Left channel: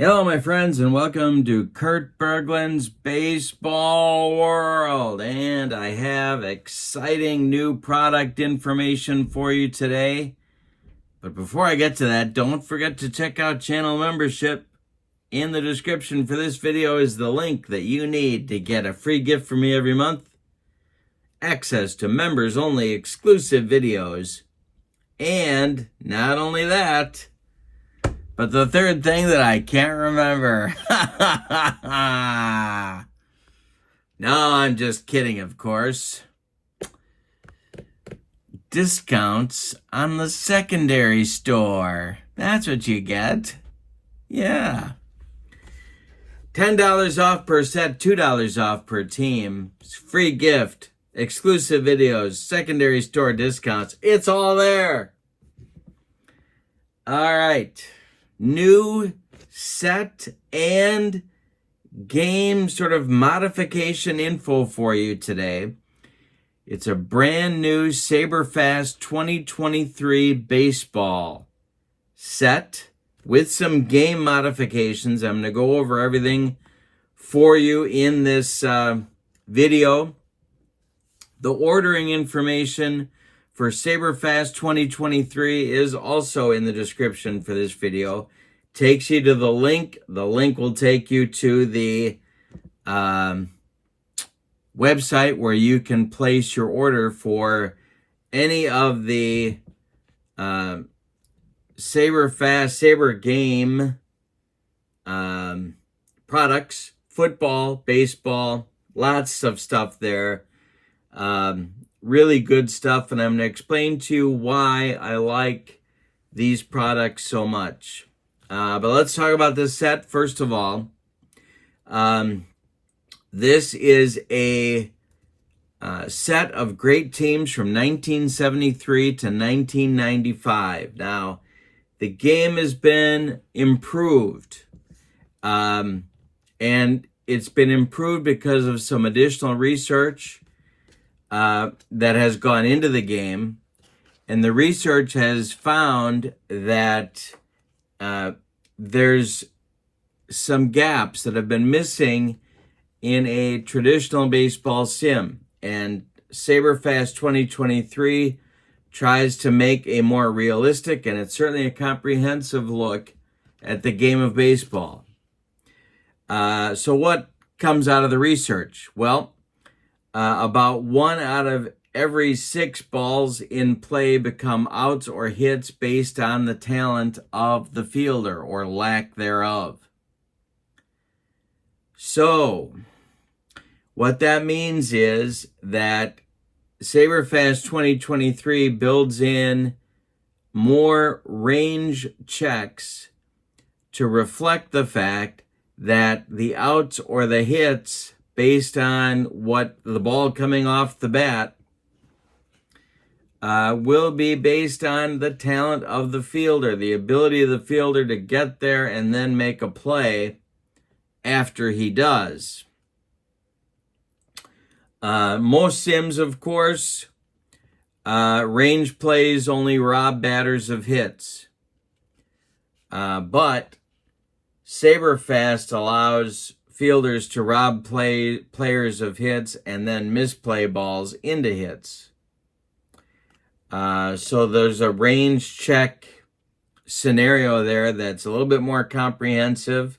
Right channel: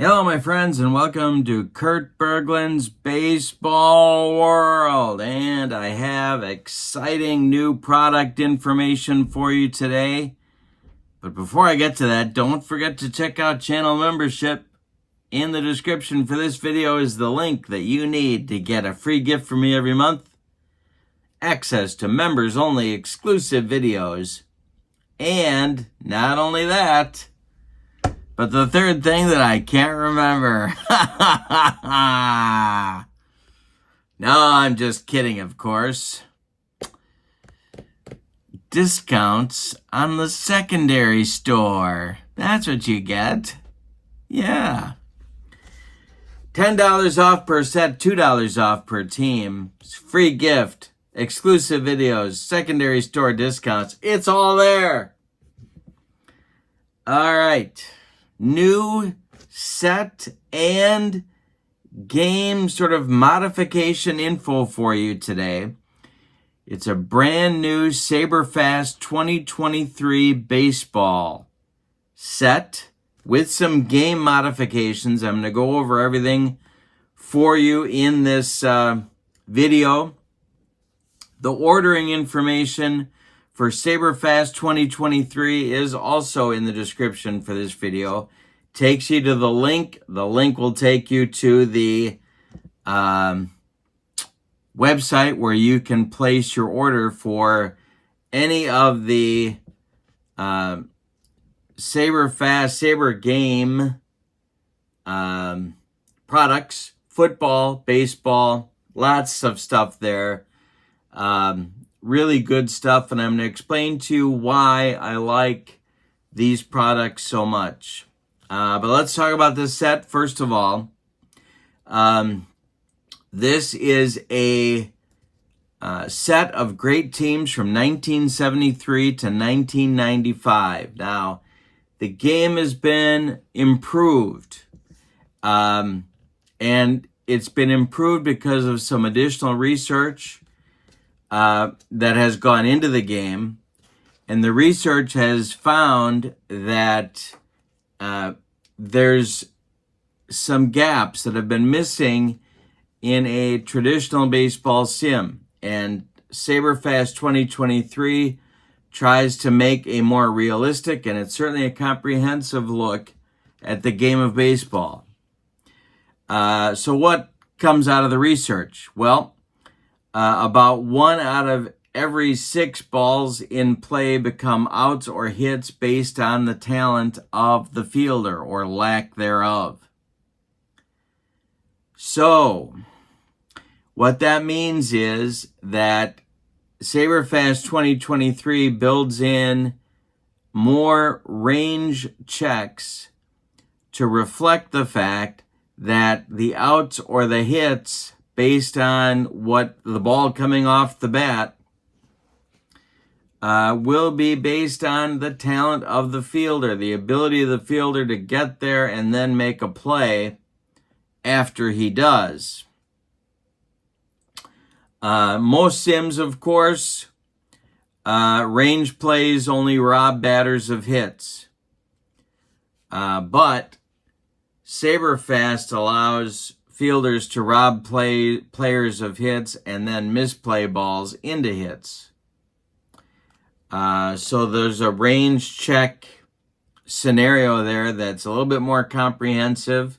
Hello, my friends, and welcome to Kurt Berglund's Baseball World. And I have exciting new product information for you today. But before I get to that, don't forget to check out channel membership. In the description for this video is the link that you need to get a free gift from me every month, access to members-only exclusive videos, and not only that, but the third thing that I can't remember. No, I'm just kidding, of course. Discounts on the secondary store. That's what you get. Yeah. $10 off per set, $2 off per team. Free gift, exclusive videos, secondary store discounts. It's all there. All right. New set and game sort of modification info for you today. It's a brand new SABERFAST 2023 baseball set with some game modifications. I'm going to go over everything for you in this video. The ordering information for SABERFAST 2023 is also in the description for this video. Takes you to the link. The link will take you to the website where you can place your order for any of the Saber game products, football, baseball, lots of stuff there. Really good stuff, and I'm going to explain to you why I like these products so much. But let's talk about this set first of all. This is a set of great teams from 1973 to 1995. Now, the game has been improved, and it's been improved because of some additional research that has gone into the game, and the research has found that there's some gaps that have been missing in a traditional baseball sim, and SABERFAST 2023 tries to make a more realistic, and it's certainly a comprehensive look at the game of baseball. So what comes out of the research? Well, about 1 out of every 6 balls in play become outs or hits based on the talent of the fielder or lack thereof. So, what that means is that SABERFAST 2023 builds in more range checks to reflect the fact that the outs or the hits based on what the ball coming off the bat will be based on the talent of the fielder, the ability of the fielder to get there and then make a play after he does. Most sims, of course, range plays only rob batters of hits. But SABERFAST allows fielders to rob players of hits and then misplay balls into hits. So there's a range check scenario there that's a little bit more comprehensive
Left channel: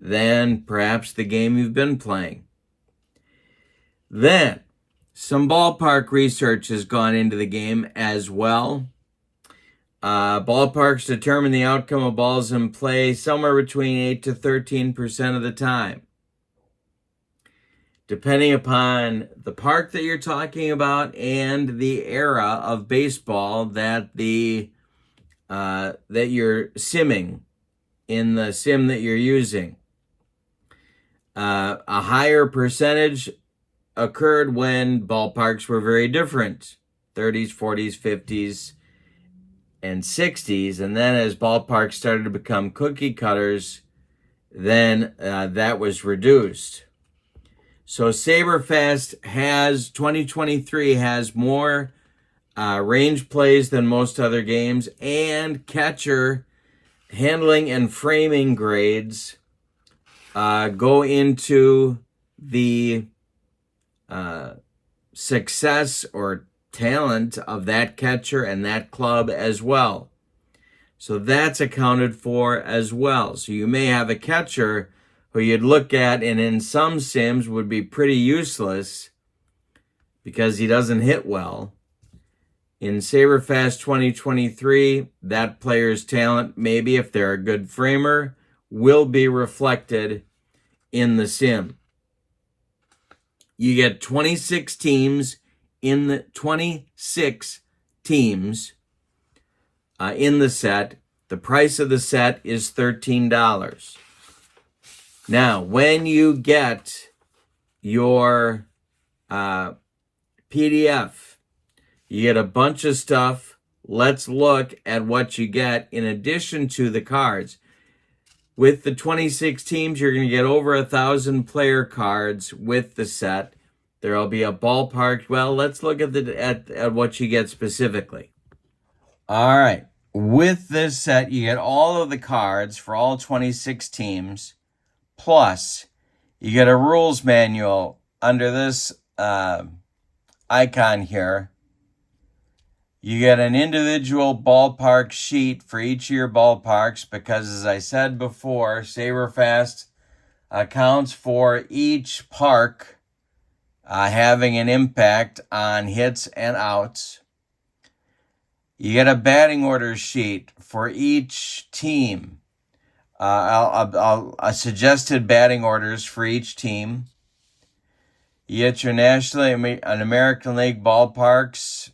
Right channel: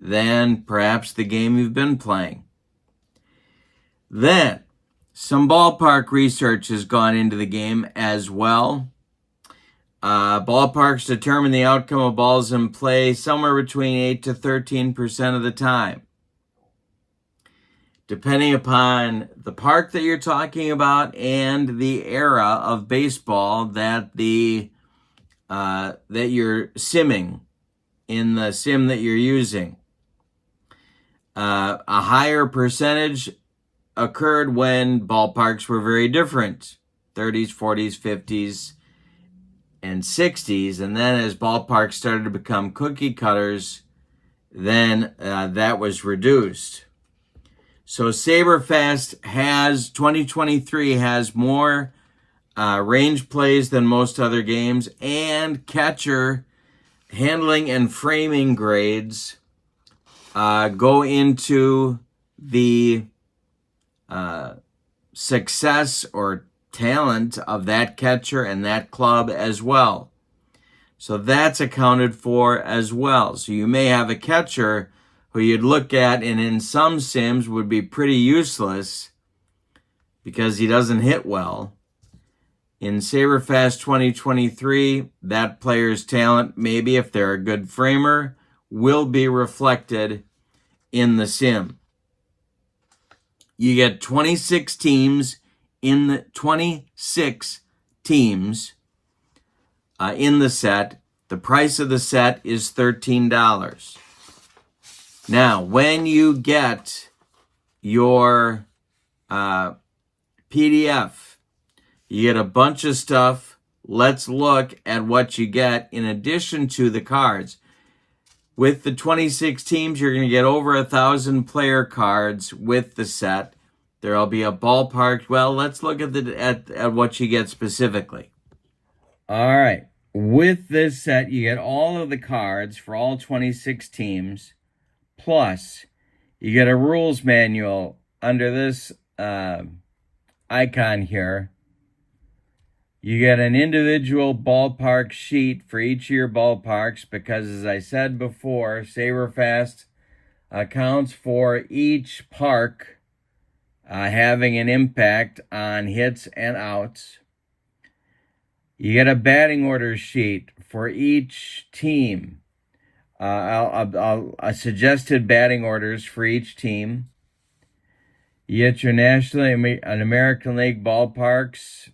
than perhaps the game you've been playing. Then, some ballpark research has gone into the game as well. Ballparks determine the outcome of balls in play somewhere between 8 to 13% of the time. Depending upon the park that you're talking about and the era of baseball that you're simming in the sim that you're using. A higher percentage occurred when ballparks were very different, 30s, 40s, 50s, and 60s, and then as ballparks started to become cookie cutters, then that was reduced. So SABERFAST 2023 has more range plays than most other games, and catcher handling and framing grades go into the success or talent of that catcher and that club as well. So that's accounted for as well. So you may have a catcher who you'd look at and in some sims would be pretty useless because he doesn't hit well. In SABERFAST 2023, that player's talent, maybe if they're a good framer, will be reflected in the sim. You get 26 teams in the in the set. The price of the set is $13. Now, when you get your PDF, you get a bunch of stuff. Let's look at what you get in addition to the cards. With the 26 teams, you're going to get over 1,000 player cards with the set. There'll be a ballpark. Well, let's look at what you get specifically. All right. With this set, you get all of the cards for all 26 teams, plus you get a rules manual under this icon here. You get an individual ballpark sheet for each of your ballparks because, as I said before, SABERFAST accounts for each park having an impact on hits and outs. You get a batting order sheet for each team. Suggested batting orders for each team. You get your National and American League ballparks.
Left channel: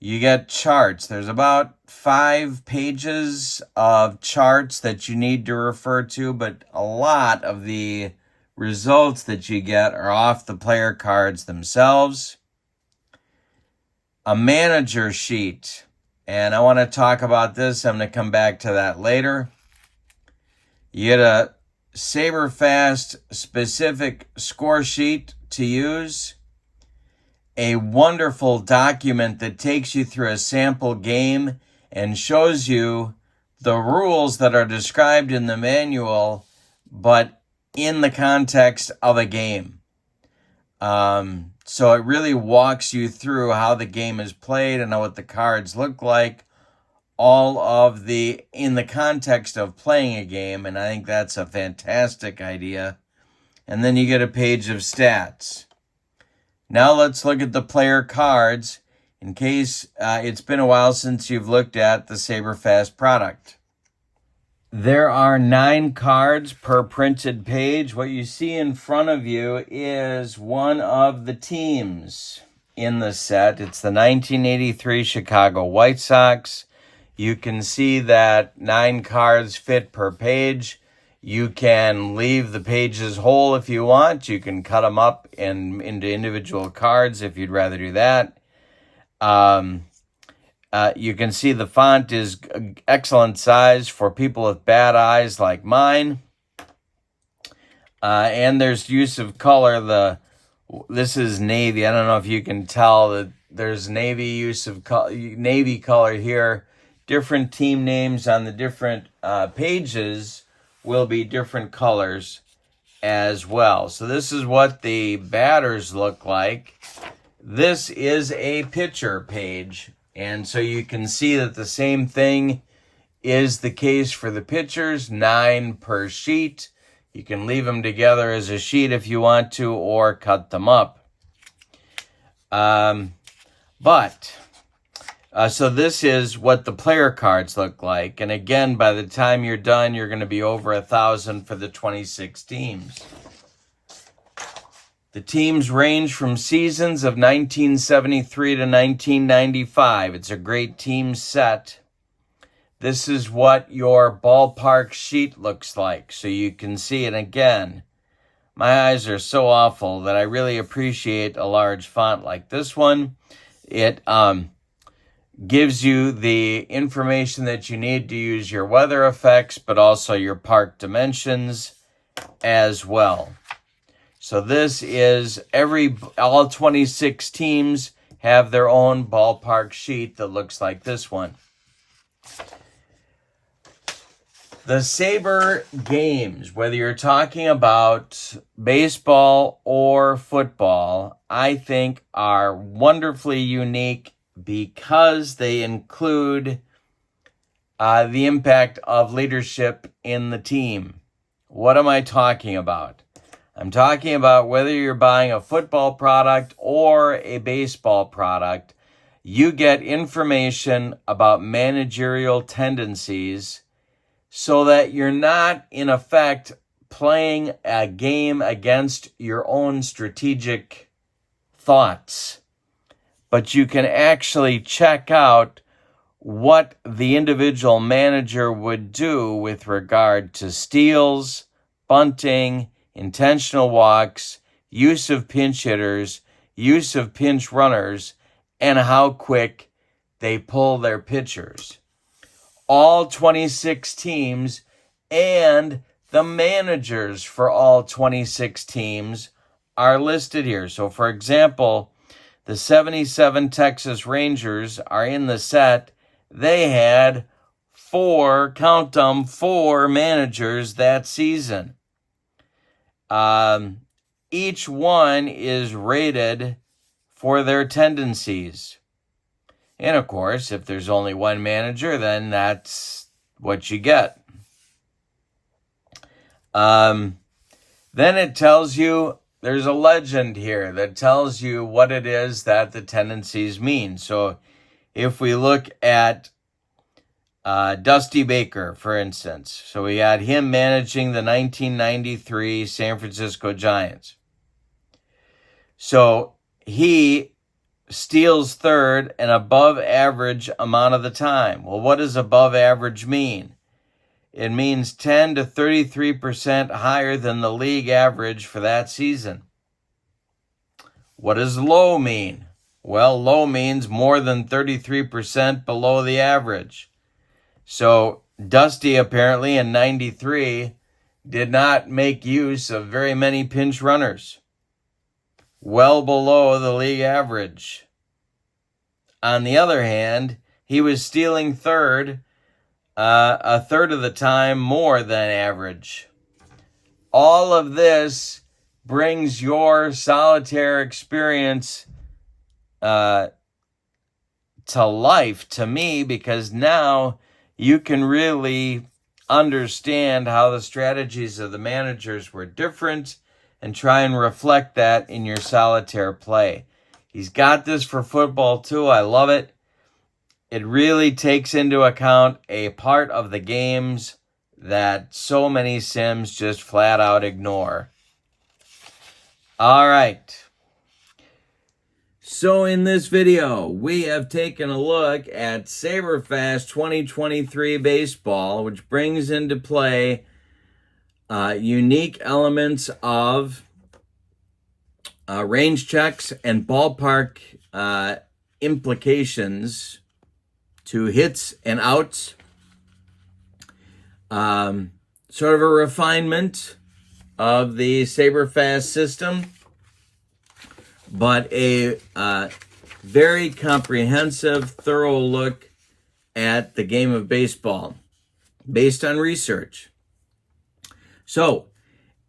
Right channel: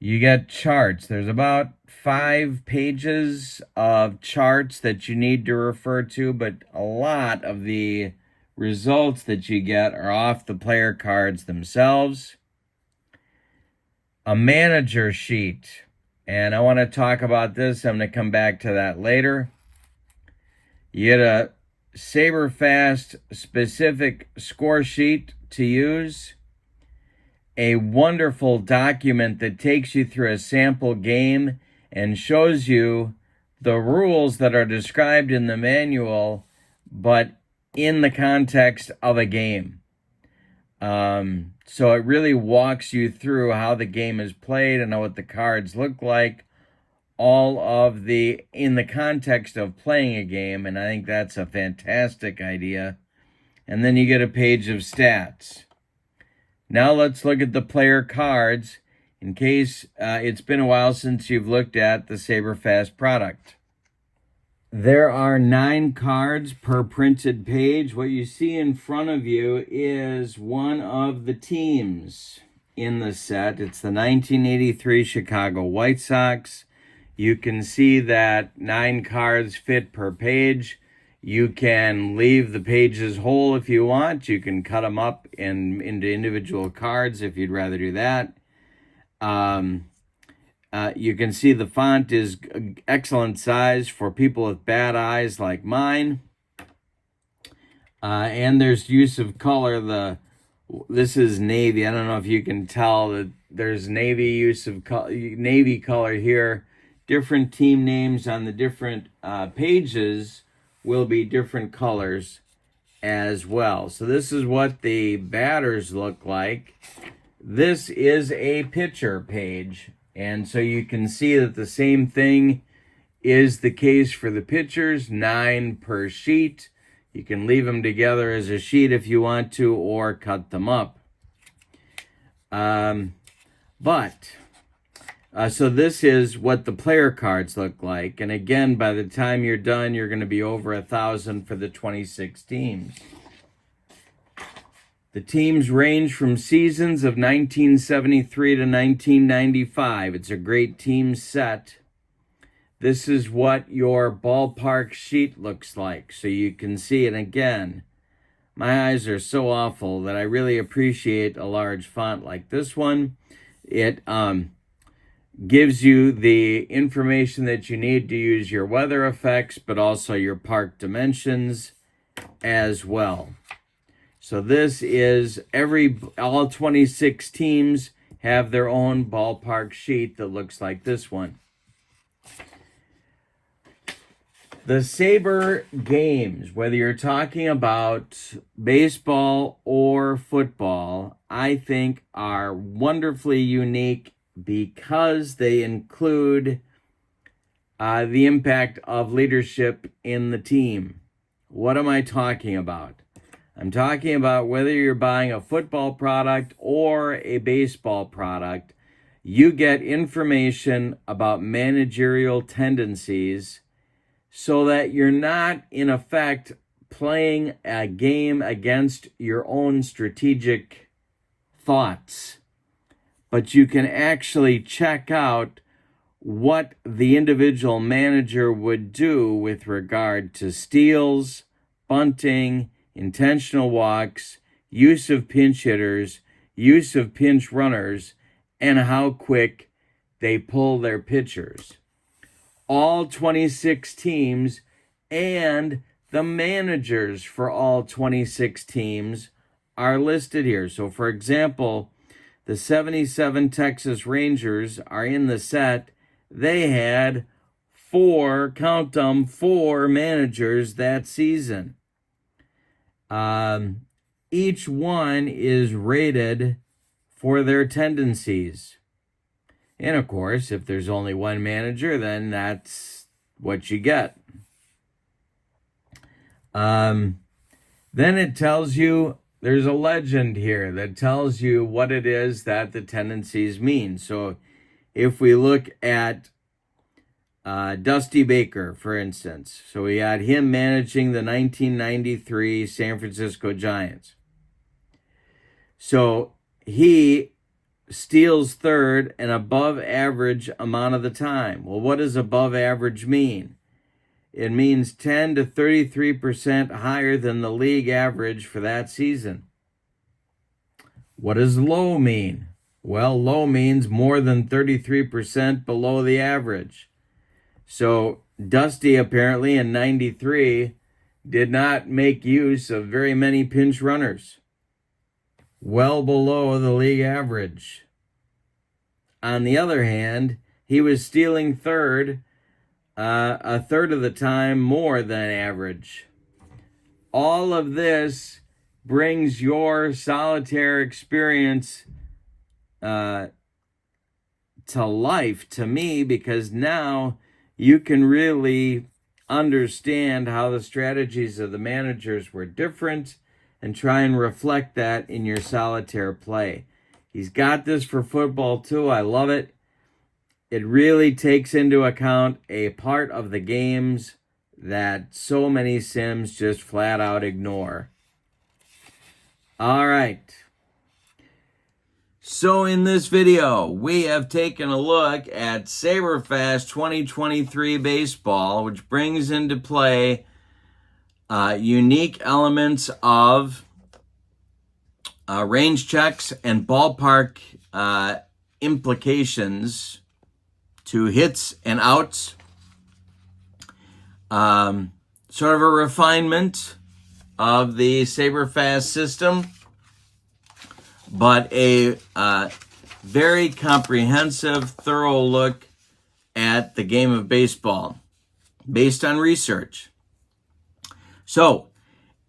You get charts. There's about 5 pages of charts that you need to refer to, but a lot of the results that you get are off the player cards themselves. A manager sheet, and I want to talk about this. I'm going to come back to that later. You get a SABERFAST specific score sheet to use. A wonderful document that takes you through a sample game and shows you the rules that are described in the manual, but in the context of a game. So it really walks you through how the game is played and what the cards look like, all of in the context of playing a game, and I think that's a fantastic idea. And then you get a page of stats. Now let's look at the player cards in case it's been a while since you've looked at the SABERFAST product. There are 9 cards per printed page. What you see in front of you is one of the teams in the set. It's the 1983 Chicago White Sox. You can see that 9 cards fit per page. You can leave the pages whole if you want. You can cut them up into individual cards if you'd rather do that. You can see the font is excellent size for people with bad eyes like mine. And there's use of color. This is navy. I don't know if you can tell that there's navy use of navy color here. Different team names on the different pages will be different colors as well. So this is what the batters look like. This is a pitcher page. And so you can see that the same thing is the case for the pitchers, 9 per sheet. You can leave them together as a sheet if you want to, or cut them up. So this is what the player cards look like. And again, by the time you're done, you're going to be over 1,000 for the 26 teams. The teams range from seasons of 1973 to 1995. It's a great team set. This is what your ballpark sheet looks like. So you can see it again. My eyes are so awful that I really appreciate a large font like this one. It gives you the information that you need to use your weather effects, but also your park dimensions as well. So this is all 26 teams have their own ballpark sheet that looks like this one. The Saber games, whether you're talking about baseball or football, I think are wonderfully unique because they include the impact of leadership in the team. What am I talking about? I'm talking about whether you're buying a football product or a baseball product, you get information about managerial tendencies so that you're not, in effect, playing a game against your own strategic thoughts, but you can actually check out what the individual manager would do with regard to steals, bunting, intentional walks, use of pinch hitters, use of pinch runners, and how quick they pull their pitchers. All 26 teams and the managers for all 26 teams are listed here. So, for example, the 77 Texas Rangers are in the set. They had four managers that season. Each one is rated for their tendencies. And of course, if there's only one manager, then that's what you get. Then it tells you, there's a legend here that tells you what it is that the tendencies mean. So if we look at Dusty Baker, for instance, so we had him managing the 1993 San Francisco Giants. So he steals third an above average amount of the time. Well, what does above average mean? It means 10 to 33% higher than the league average for that season. What does low mean? Well, low means more than 33% below the average. So Dusty apparently in 93 did not make use of very many pinch runners. Well below the league average. On the other hand, he was stealing third a third of the time more than average. All of this brings your solitaire experience to life to me, because now you can really understand how the strategies of the managers were different and try and reflect that in your solitaire play. He's got this for football too. I love it. It really takes into account a part of the games that so many sims just flat out ignore. All right. So in this video, we have taken a look at SABERFAST 2023 baseball, which brings into play unique elements of range checks and ballpark implications to hits and outs. Sort of a refinement of the SABERFAST system, but a very comprehensive, thorough look at the game of baseball based on research. So,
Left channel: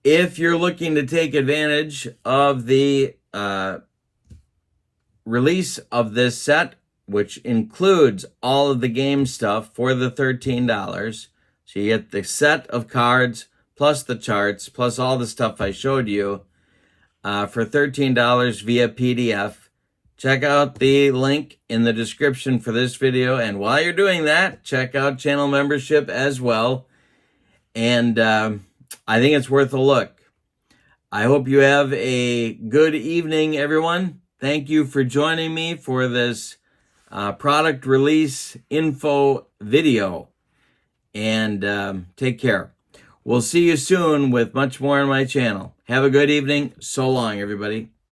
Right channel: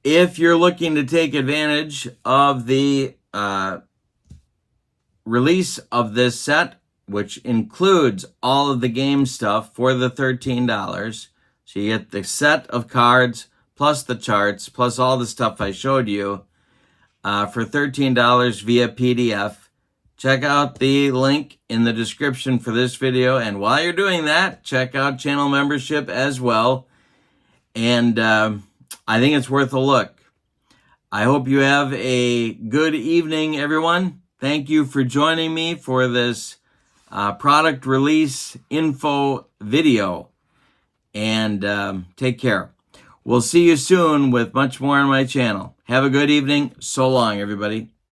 if you're looking to take advantage of the release of this set, which includes all of the game stuff for the $13, so you get the set of cards, plus the charts, plus all the stuff I showed you, for $13 via PDF. Check out the link in the description for this video. And while you're doing that, check out channel membership as well. And I think it's worth a look. I hope you have a good evening, everyone. Thank you for joining me for this product release info video. And take care. We'll see you soon with much more on my channel. Have a good evening. So long, everybody.